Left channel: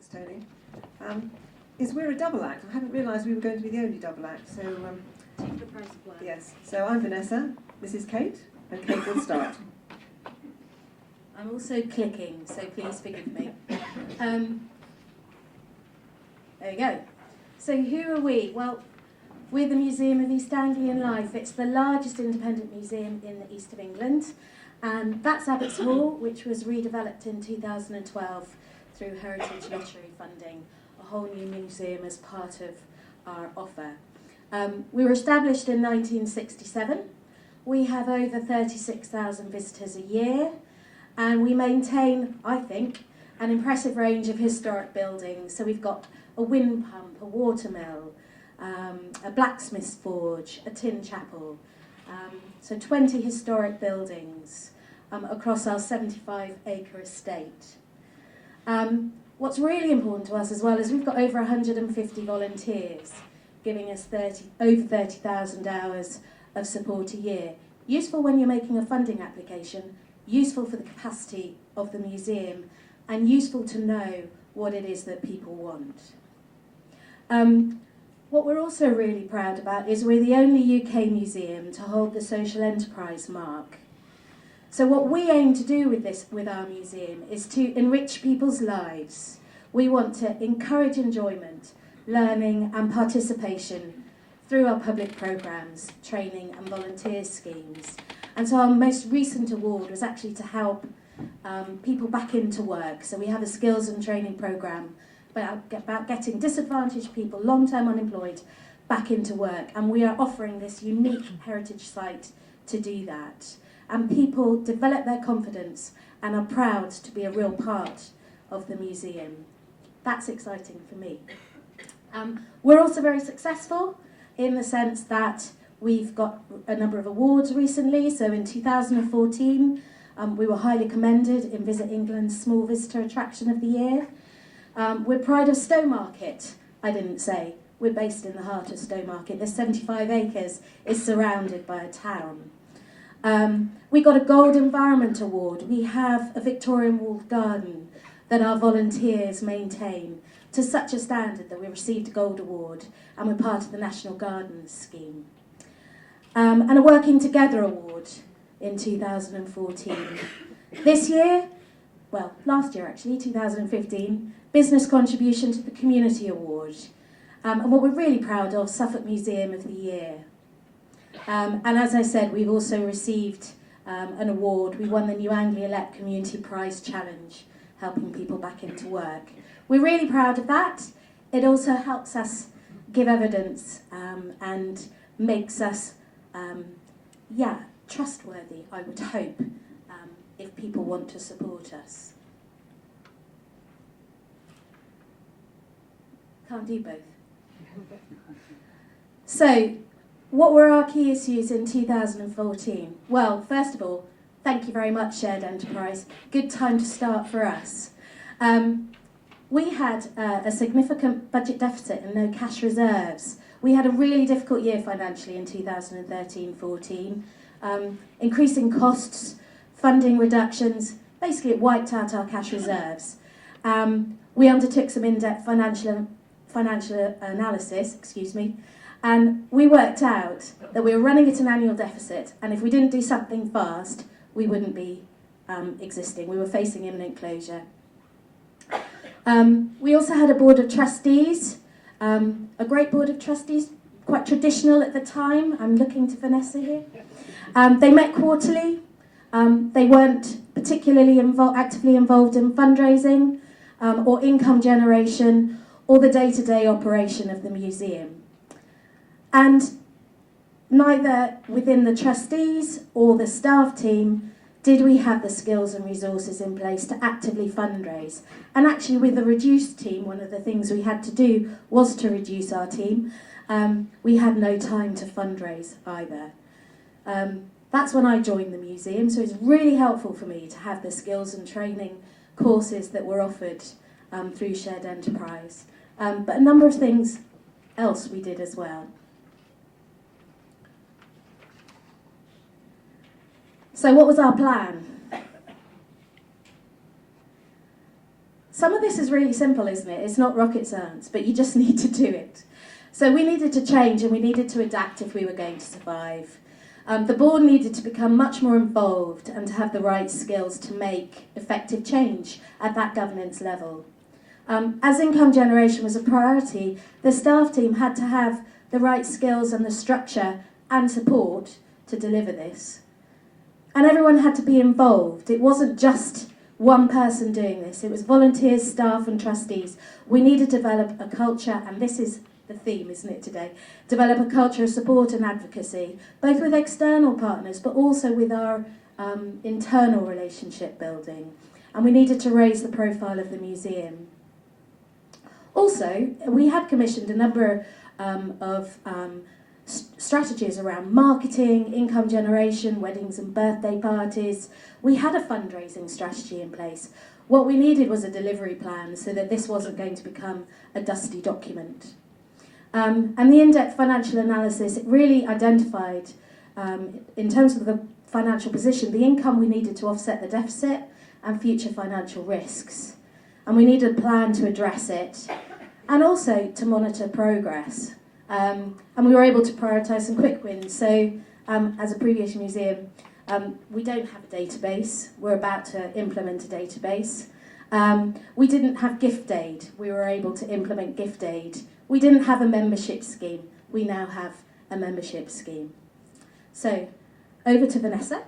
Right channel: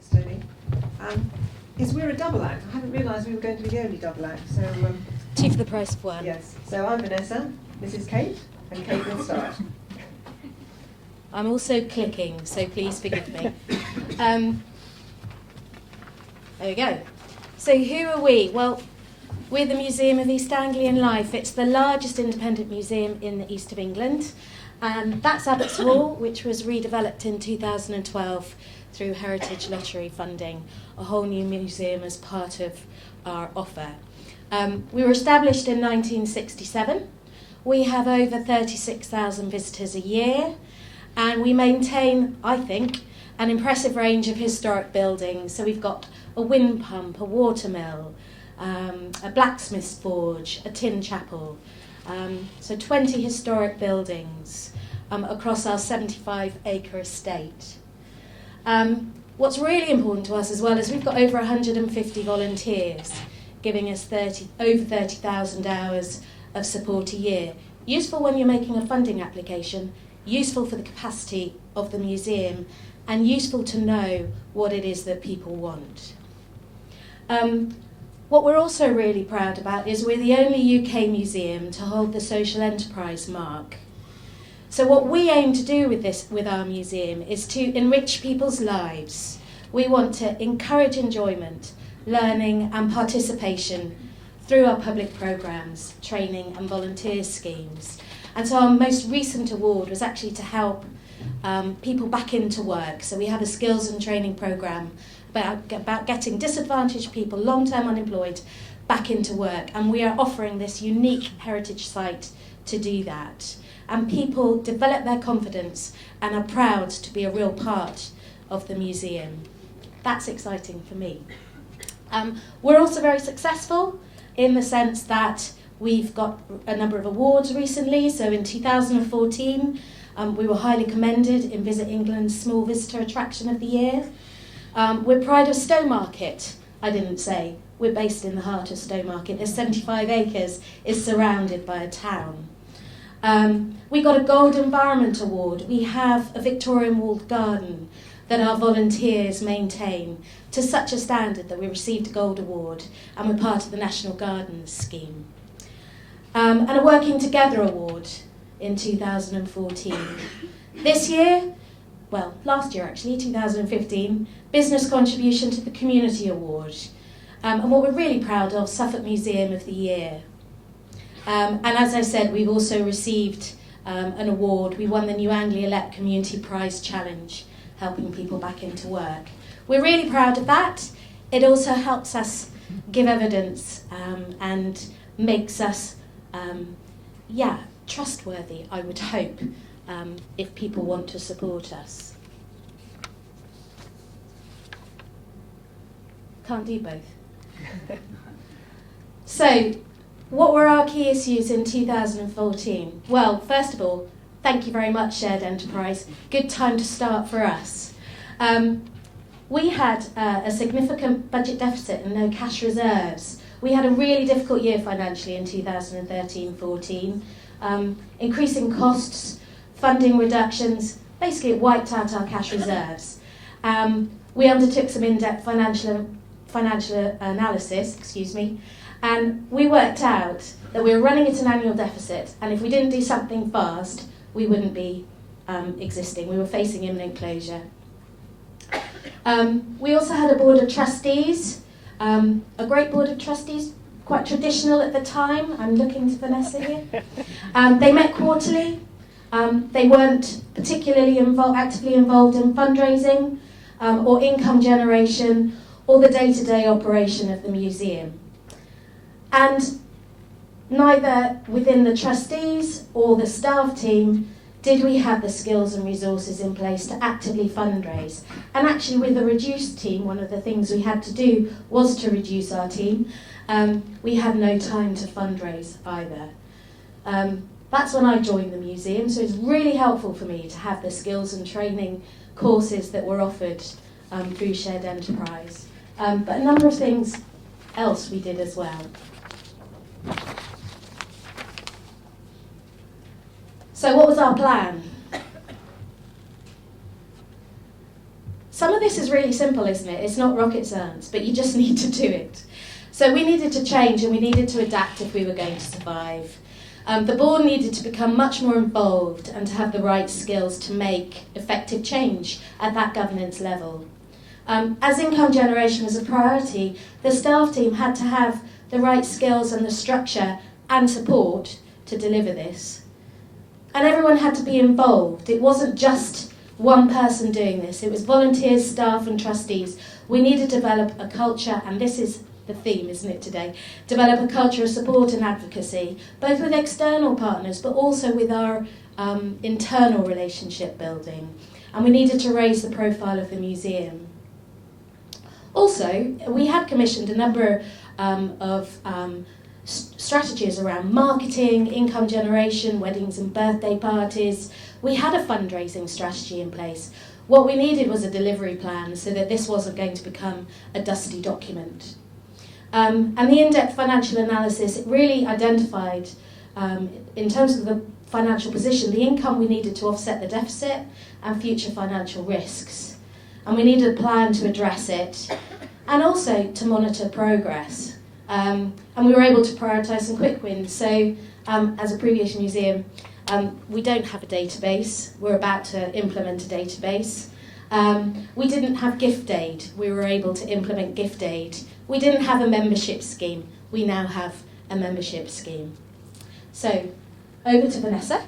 Thanks, Tony. Is we're a double act. I hadn't realised we were going to be the only double act. So two for the price of one. yes. So I'm Vanessa. This is Kate, and Kate will start. I'm also clicking, so please forgive me. There we go. So who are we? Well, we're the Museum of East Anglian Life. It's the largest independent museum in the east of England. And that's Abbots Hall, which was redeveloped in 2012 through Heritage Lottery funding, a whole new museum as part of our offer. We were established in 1967. We have over 36,000 visitors a year, and we maintain, I think, an impressive range of historic buildings. So we've got a wind pump, a watermill, a blacksmith's forge, a tin chapel. So 20 historic buildings across our 75-acre estate. What's really important to us as well is we've got over 150 volunteers giving us over 30,000 hours of support a year. Useful when you're making a funding application, useful for the capacity of the museum, and useful to know what it is that people want. What we're also really proud about is we're the only UK museum to hold the social enterprise mark. So what we aim to do with our museum is to enrich people's lives. We want to encourage enjoyment, learning and participation through our public programmes, training and volunteer schemes. And so our most recent award was actually to help people back into work. So we have a skills and training programme about getting disadvantaged people, long-term unemployed, back into work. And we are offering this unique heritage site to do that. And people develop their confidence and are proud to be a real part of the museum. That's exciting for me. We're also very successful in the sense that we've got a number of awards recently. So in 2014, we were highly commended in Visit England's Small Visitor Attraction of the Year. We're Pride of Stowmarket, I didn't say. We're based in the heart of Stowmarket. There's 75 acres, is surrounded by a town. We got a Gold Environment Award. We have a Victorian walled garden that our volunteers maintain to such a standard that we received a Gold Award and we're part of the National Gardens scheme. And a Working Together Award in 2014. This year, well, last year actually, 2015, Business Contribution to the Community Award. And what we're really proud of, Suffolk Museum of the Year. And as I said, we've also received an award. We won the New Anglia Let Community Prize Challenge, helping people back into work. We're really proud of that. It also helps us give evidence and makes us, trustworthy, I would hope, if people want to support us. Can't do both. So, what were our key issues in 2014? Well, first of all, thank you very much, Shared Enterprise. Good time to start for us. We had a significant budget deficit and no cash reserves. We had a really difficult year financially in 2013-14. Increasing costs, funding reductions, basically it wiped out our cash reserves. We undertook some in-depth financial analysis, and we worked out that we were running at an annual deficit, and if we didn't do something fast, we wouldn't be existing. We were facing imminent closure. We also had a board of trustees, a great board of trustees, quite traditional at the time. I'm looking to Vanessa here. They met quarterly. They weren't particularly actively involved in fundraising or income generation or the day-to-day operation of the museum. And neither within the trustees or the staff team did we have the skills and resources in place to actively fundraise. And actually with a reduced team, one of the things we had to do was to reduce our team. We had no time to fundraise either. That's when I joined the museum, so it's really helpful for me to have the skills and training courses that were offered through Shared Enterprise. But a number of things else we did as well. So what was our plan? Some of the this is really simple, isn't it? It's not rocket science, but you just need to do it. So we needed to change and we needed to adapt if we were going to survive. The board needed to become much more involved and to have the right skills to make effective change at that governance level. As income generation was a priority, the staff team had to have the right skills and the structure and support to deliver this. And everyone had to be involved. It wasn't just one person doing this. It was volunteers, staff and trustees. We needed to develop a culture, and this is the theme, isn't it, today? Develop a culture of support and advocacy, both with external partners, but also with our internal relationship building. And we needed to raise the profile of the museum. Also, we had commissioned a number of strategies around marketing, income generation, weddings and birthday parties. We had a fundraising strategy in place. What we needed was a delivery plan so that this wasn't going to become a dusty document. And the in-depth financial analysis, it really identified, in terms of the financial position, the income we needed to offset the deficit and future financial risks. And we needed a plan to address it and also to monitor progress. And we were able to prioritise some quick wins. So as a previous museum, we don't have a database. We're about to implement a database. We didn't have gift aid. We were able to implement gift aid. We didn't have a membership scheme. We now have a membership scheme. So over to Vanessa.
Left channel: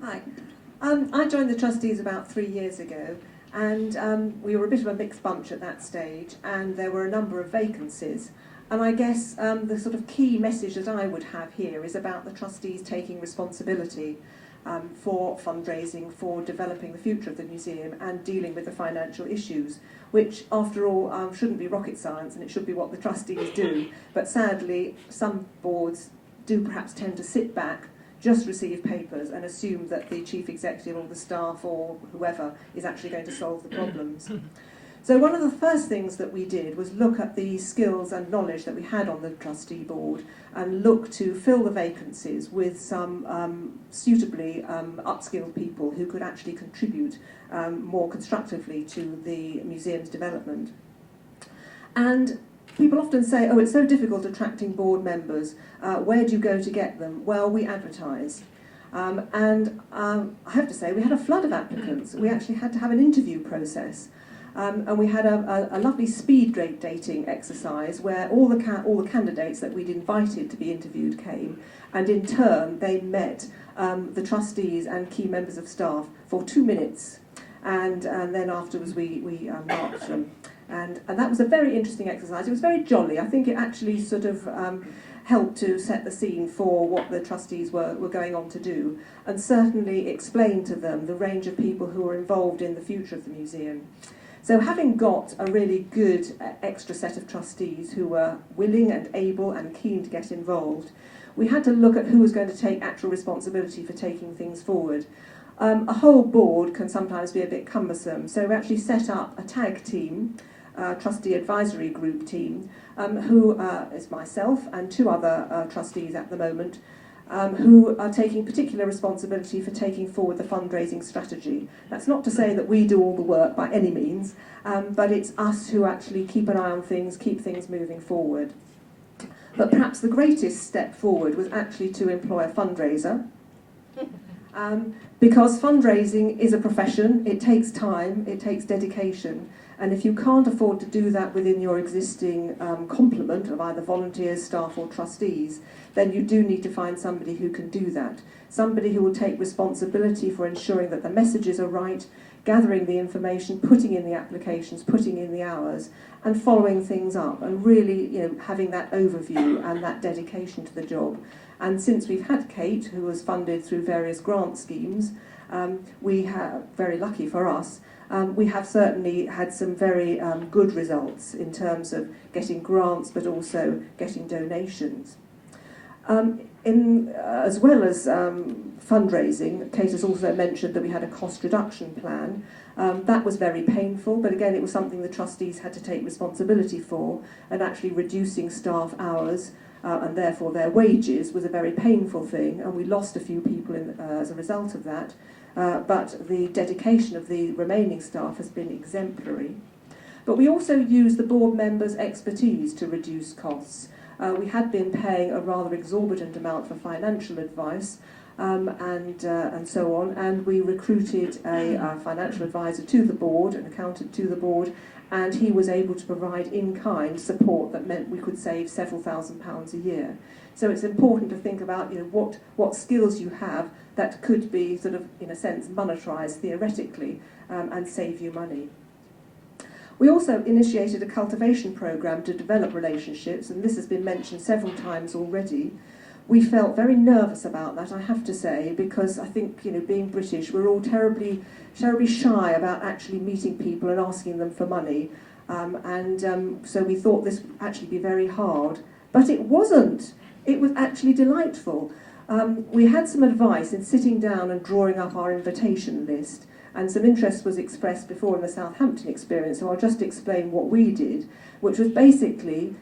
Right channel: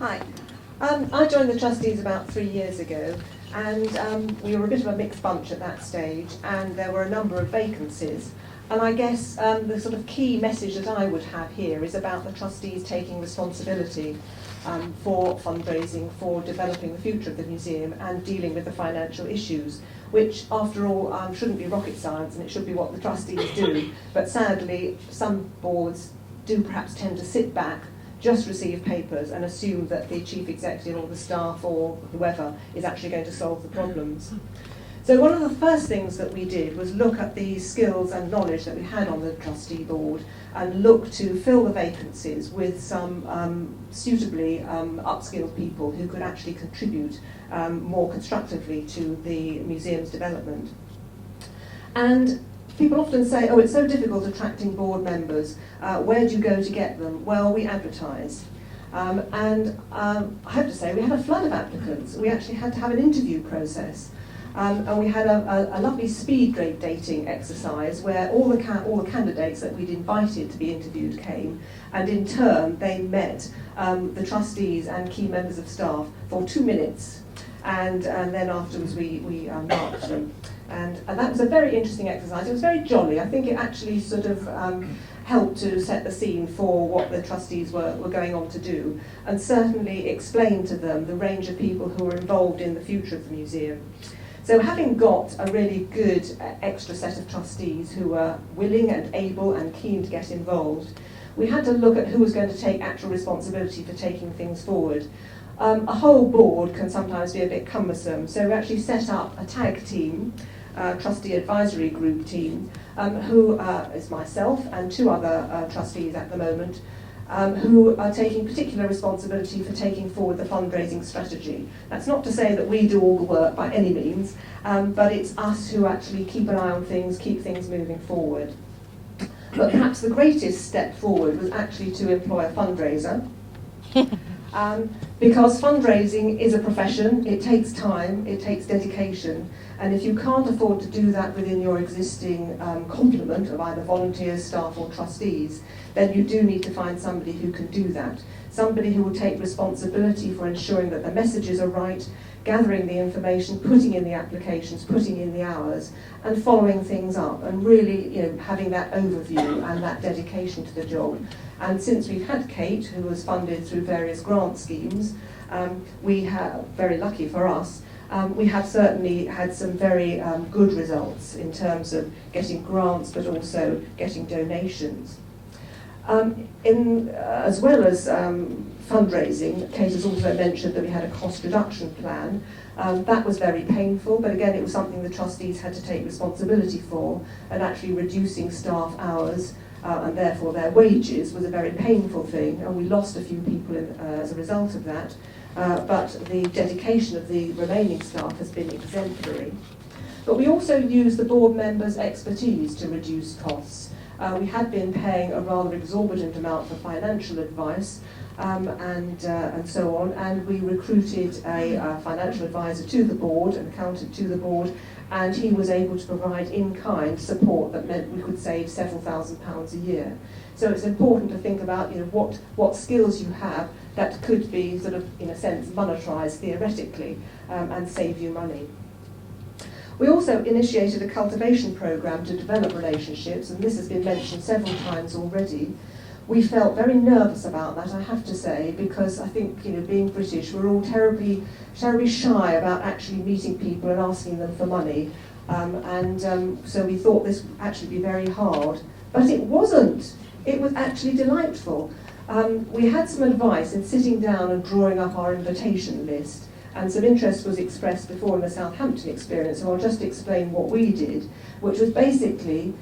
Hi. I joined the trustees about 3 years ago, and we were a bit of a mixed bunch at that stage, and there were a number of vacancies. And I guess the sort of key message that I would have here is about the trustees taking responsibility for fundraising, for developing the future of the museum and dealing with the financial issues, which after all shouldn't be rocket science, and it should be what the trustees do. But sadly, some boards do perhaps tend to sit back, just receive papers and assume that the chief executive or the staff or whoever is actually going to solve the problems. So one of the first things that we did was look at the skills and knowledge that we had on the trustee board and look to fill the vacancies with some suitably upskilled people who could actually contribute more constructively to the museum's development. And people often say, oh, it's so difficult attracting board members. Where do you go to get them? Well, we advertise. And I have to say, we had a flood of applicants. We actually had to have an interview process. And we had a lovely speed grade dating exercise where all the candidates that we'd invited to be interviewed came, and in turn they met the trustees and key members of staff for 2 minutes, and then afterwards we marked them. And that was a very interesting exercise. It was very jolly. I think it actually sort of helped to set the scene for what the trustees were going on to do, and certainly explain to them the range of people who were involved in the future of the museum. So having got a really good extra set of trustees who were willing and able and keen to get involved, we had to look at who was going to take actual responsibility for taking things forward. A whole board can sometimes be a bit cumbersome, so we actually set up a tag team, trustee advisory group team, who is myself and 2 other trustees at the moment, who are taking particular responsibility for taking forward the fundraising strategy. That's not to say that we do all the work by any means, but it's us who actually keep an eye on things, keep things moving forward. But perhaps the greatest step forward was actually to employ a fundraiser. Because fundraising is a profession, it takes time, it takes dedication, and if you can't afford to do that within your existing complement of either volunteers, staff or trustees, then you do need to find somebody who can do that. Somebody who will take responsibility for ensuring that the messages are right, gathering the information, putting in the applications, putting in the hours, and following things up, and really having that overview and that dedication to the job. And since we've had Kate, who was funded through various grant schemes, we have, very lucky for us, we have certainly had some very good results in terms of getting grants, but also getting donations. As well as fundraising, Kate has also mentioned that we had a cost reduction plan. That was very painful, but again it was something the trustees had to take responsibility for, and actually reducing staff hours and therefore their wages, was a very painful thing, and we lost a few people as a result of that. But the dedication of the remaining staff has been exemplary. But we also use the board members' expertise to reduce costs. We had been paying a rather exorbitant amount for financial advice and so on, and we recruited a financial advisor to the board, an accountant to the board, and he was able to provide in-kind support that meant we could save several £1,000s a year. So it's important to think about, you know, what skills you have that could be sort of, in a sense, monetarised theoretically and save you money. We also initiated a cultivation programme to develop relationships, and this has been mentioned several times already. We felt very nervous about that, I have to say, because I think, you know, being British, we're all terribly shy about actually meeting people and asking them for money. So we thought this would actually be very hard. But it wasn't. It was actually delightful. We had some advice in sitting down and drawing up our invitation list, and some interest was expressed before in the Southampton experience, so I'll just explain what we did, which was basically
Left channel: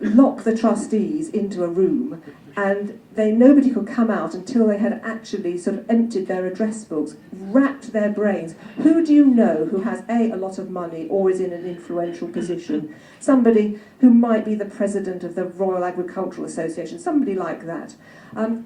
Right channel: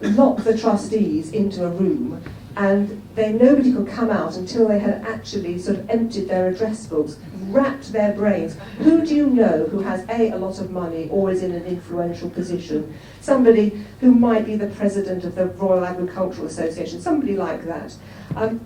lock the trustees into a room, and nobody could come out until they had actually sort of emptied their address books, racked their brains. Who do you know who has a lot of money or is in an influential position? Somebody who might be the president of the Royal Agricultural Association, somebody like that.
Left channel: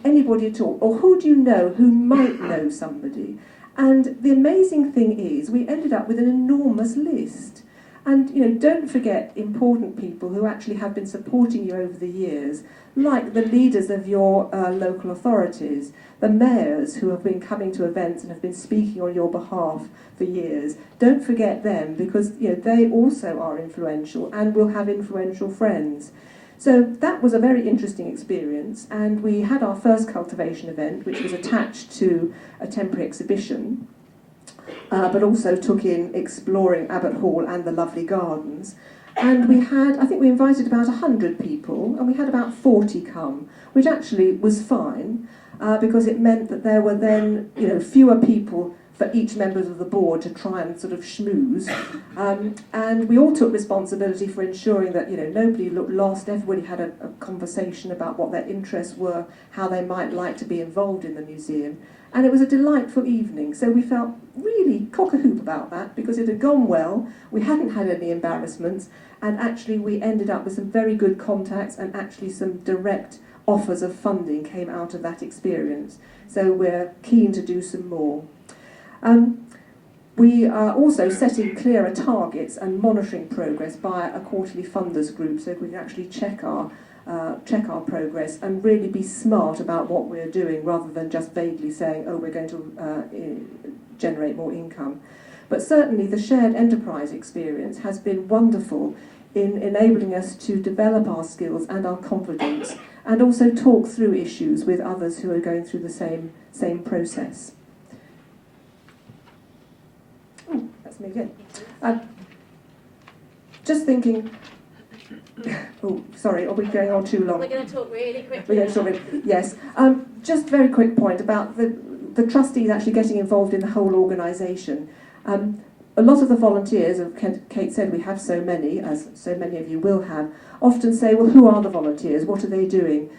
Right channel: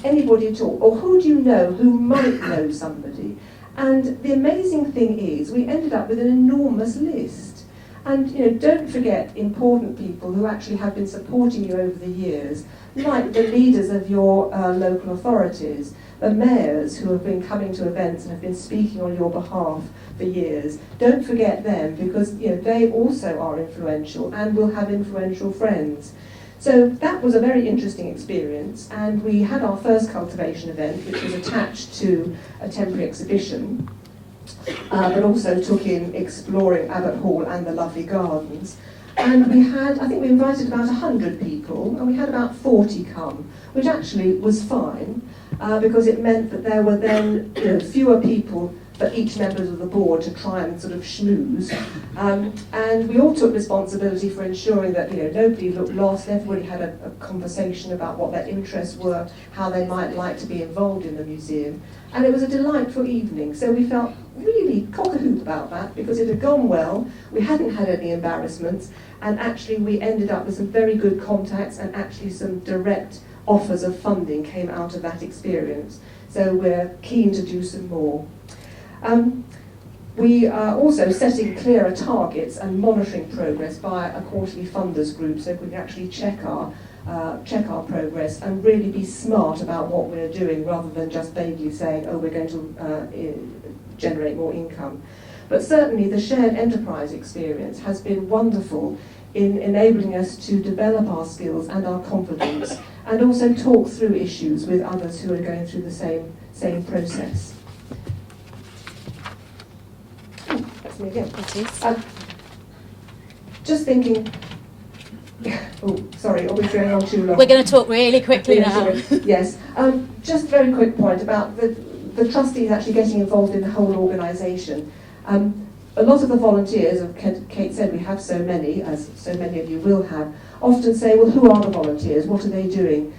Anybody at all. Or who do you know who might know somebody? And the amazing thing is, we ended up with an enormous list. And, you know, don't forget important people who actually have been supporting you over the years, like the leaders of your local authorities, the mayors who have been coming to events and have been speaking on your behalf for years. Don't forget them, because, you know, they also are influential and will have influential friends. So that was a very interesting experience, and we had our first cultivation event, which was attached to a temporary exhibition, but also took in exploring Abbot Hall and the lovely gardens. And we had, I think we invited about 100 people, and we had about 40 come, which actually was fine, because it meant that there were then, you know, fewer people for each member of the board to try and sort of schmooze. And we all took responsibility for ensuring that, you know, nobody looked lost, everybody had a conversation about what their interests were, how they might like to be involved in the museum. And it was a delightful evening, so we felt really cock-a-hoop about that, because it had gone well, we hadn't had any embarrassments, and actually we ended up with some very good contacts, and actually some direct offers of funding came out of that experience. So we're keen to do some more. We are also setting clearer targets and monitoring progress by a quarterly funders group, so we can actually check our progress and really be smart about what we're doing, rather than just vaguely saying, oh, we're going to generate more income. But certainly the shared enterprise experience has been wonderful in enabling us to develop our skills and our confidence, and also talk through issues with others who are going through the same process. That's me again. Just thinking. Oh, sorry, are we going on too long? We're going to talk really quickly now. Yes. Just a very quick point about the trustees actually getting involved in the whole organisation. A lot of the volunteers, as Kate said, we have so many, as so many of you will have, often say, well, who are the volunteers? What are they doing?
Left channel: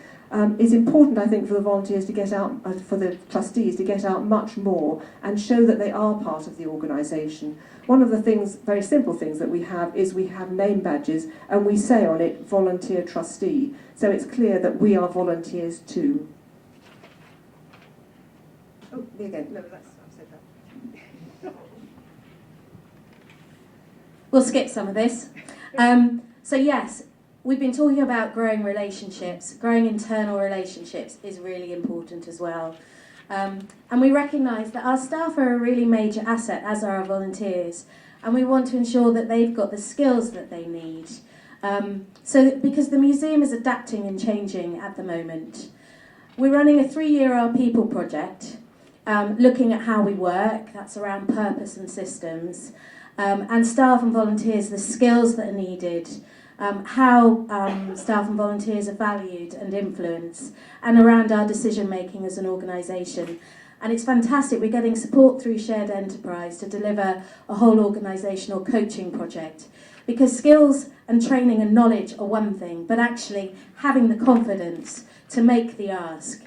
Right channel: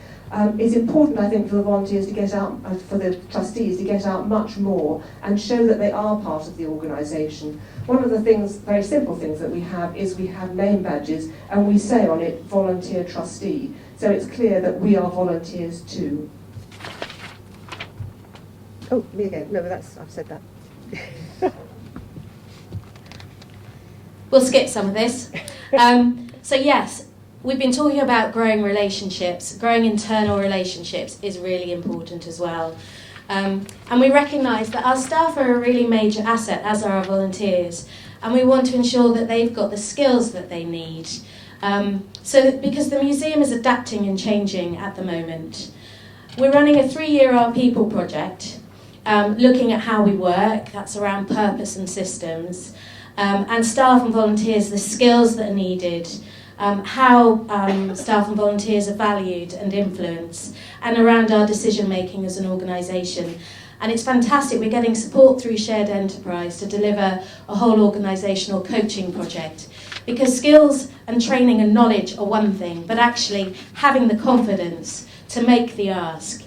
It's important, I think, for the volunteers to get out, for the trustees to get out much more and show that they are part of the organisation. One of the things, very simple things that we have, is we have name badges, and we say on it, volunteer trustee. So it's clear that we are volunteers too. Oh, me again. No, I've said that. We'll skip some of this. So yes, we've been talking about growing relationships. Growing internal relationships is really important as well. And we recognise that our staff are a really major asset, as are our volunteers. And we want to ensure that they've got the skills that they need. Because the museum is adapting and changing at the moment. We're running a 3-year Our People project, looking at how we work. That's around purpose and systems. And staff and volunteers, the skills that are needed, how staff and volunteers are valued and influenced, and around our decision making as an organisation. And it's fantastic, we're getting support through Shared Enterprise to deliver a whole organisational coaching project. Because skills and training and knowledge are one thing, but actually having the confidence to make the ask,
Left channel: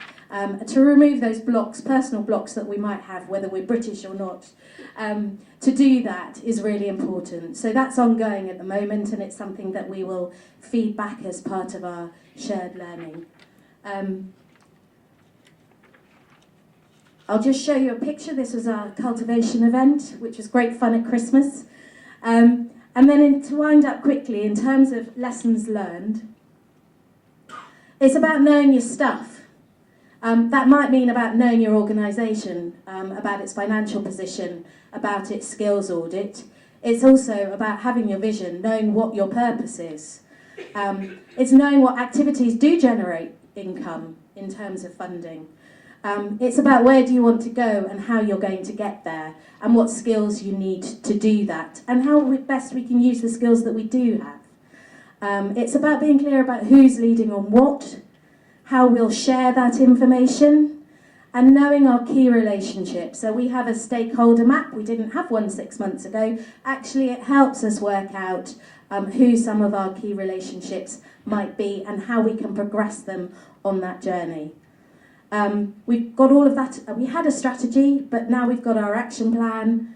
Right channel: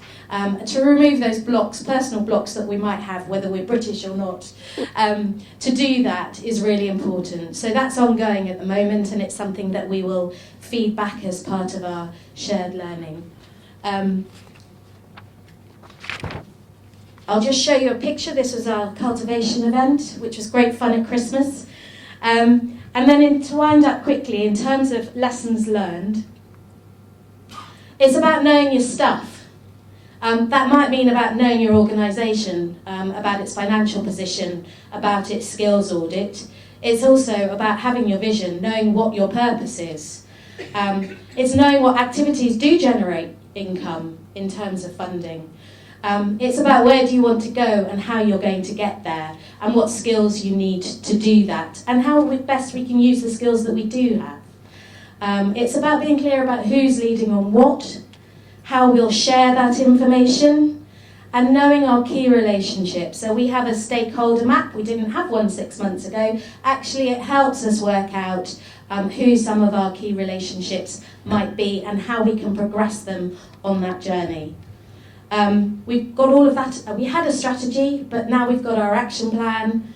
to remove those blocks, personal blocks that we might have, whether we're British or not, to do that is really important. So that's ongoing at the moment, and it's something that we will feed back as part of our shared learning. I'll just show you a picture. This was our cultivation event, which was great fun at Christmas. And then to wind up quickly, in terms of lessons learned, it's about knowing your stuff. That might mean about knowing your organisation, about its financial position, about its skills audit. It's also about having your vision, knowing what your purpose is. It's knowing what activities do generate income in terms of funding. It's about where do you want to go and how you're going to get there, and what skills you need to do that, and how best we can use the skills that we do have. It's about being clear about who's leading on what, how we'll share that information, and knowing our key relationships. So we have a stakeholder map. We didn't have one 6 months ago. Actually, it helps us work out who some of our key relationships might be and how we can progress them on that journey. We've got all of that. We had a strategy, but now we've got our action plan.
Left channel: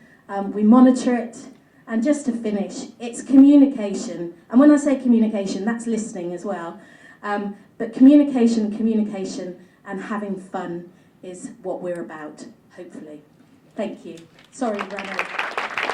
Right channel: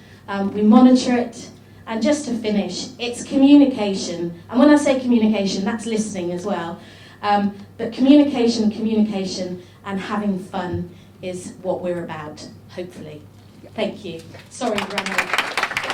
We monitor it. And just to finish, it's communication. And when I say communication, that's listening as well. But communication, and having fun is what we're about, hopefully. Thank you. Sorry, Rana.